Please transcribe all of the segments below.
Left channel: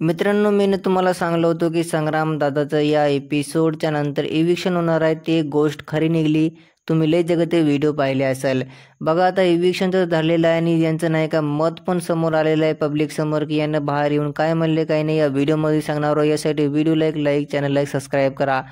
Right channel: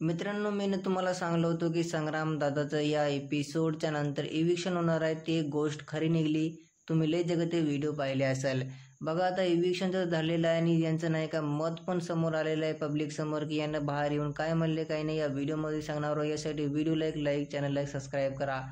मित्रांनो, मी ना तुम्हाला सांगलो होतो, की संग्राम दादाचं या एपिसोडच्या नंतर इविक्शन होणार आहे. ती एक गोष्ट खरी निघाली. तुम्ही लय जगह ते व्हिडिओ पाहिले असेल. बघा आता इविक्शन तर झालेलं आहे आणि यांचं नाही का मत पण समोर आलेलं आहे पब्लिक समोर, की यांना बाहेर येऊन काय म्हणले काय नाही या व्हिडिओमध्ये सांगणार आहोत. यासाठी व्हिडिओला एक लाईक, चॅनलला एक सबस्क्राईब करा.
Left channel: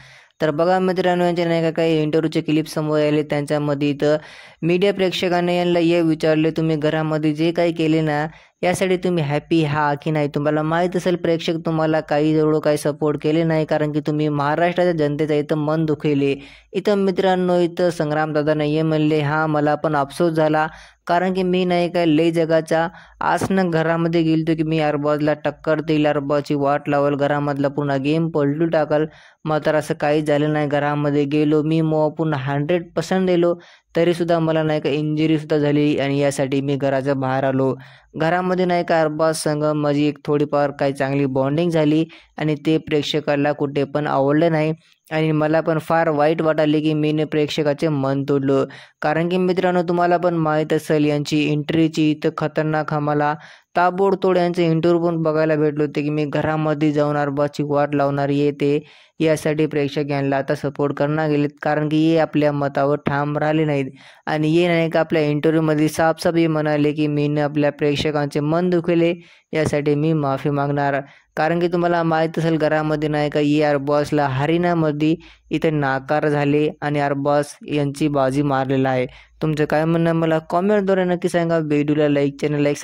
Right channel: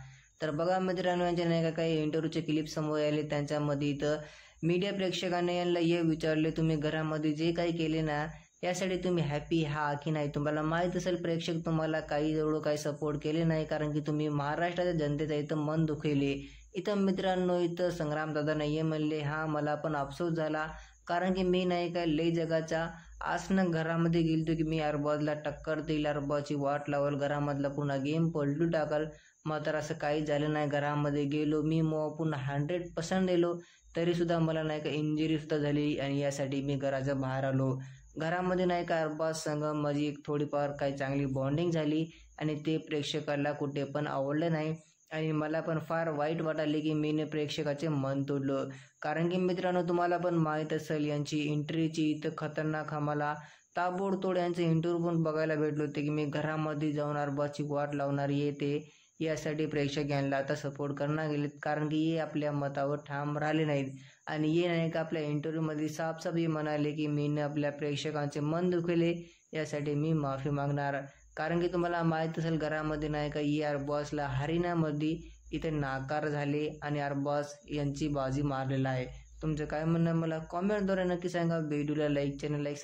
तर बघा मित्रांनो, यांच्या नाही का काही इंटरव्ह्यूचे क्लिप समोर आले. त्यांच्यामध्ये इथं मीडिया प्रेक्षकांनी यांना हे विचारले, तुम्ही घरामध्ये जे काही केले ना यासाठी तुम्ही हॅपी हा की नाही. तुम्हाला माहीत असेल प्रेक्षक तुम्हाला काही एवढं काही सपोर्ट केले नाही, कारण की तुम्ही महाराष्ट्राच्या जनतेचं इथं मन दुखवले. इथं मित्रांनो इथं संग्रामदादा नाही म्हणले, हां मला पण अफसोस झाला, कारण की मी नाही काय लय जगाच्या आसनं घरामध्ये गेलतो, की मी अरबाजला टक्कर देईल, अरबाची वाट लावल, घरामधला पूर्ण गेम पलटू टाकल. मात्र असं काहीच झालं नाही. घरामध्ये गेलो मी पूर्ण 100% दिलो, तरीसुद्धा मला नाही का इंजुरीसुद्धा झाली आणि यासाठी मी घराच्या बाहेर आलो. घरामध्ये नाही का अरबाज संग माझी एक थोडीफार काही चांगली बॉन्डिंग झाली आणि ते प्रेक्षकाला कुठे पण आवडलं नाही आणि मला पण फार वाईट वाटाले, की मी प्रेक्षकाचे मन तोडलं. कारण की मित्रांनो तुम्हाला पण माहीत असेल यांची एंट्रीची इथं खतरनाक आम्हाला ताबडतोड यांचे इंटरव्ह्यू पण बघायला भेटले होते, की मी घरामध्ये जाऊन अरबाजची वाट लावणार ते यासाठी प्रेक्षक यांना आता सपोर्ट करणार गेलेत, कारण की हे आपल्या मतावर ठाम राहिले नाहीत. आणि हे नाही का आपल्या इंटरव्ह्यूमध्ये साफ हे म्हणाले, की मी आपल्या प्रेक्षकांचे मन दुखवले, यासाठी मी माफी मागणार. कारण की तुम्हाला माहीत असेल घरामध्ये नाही का अरबाजला हरिणामध्ये इथे नाकार झाले आणि अरबाज यांची बाजी मारलेला आहे. तुमचं काय म्हणणं मला कॉमेंटद्वारे नक्की सांगा. व्हिडिओला लाईक, चॅनलला एक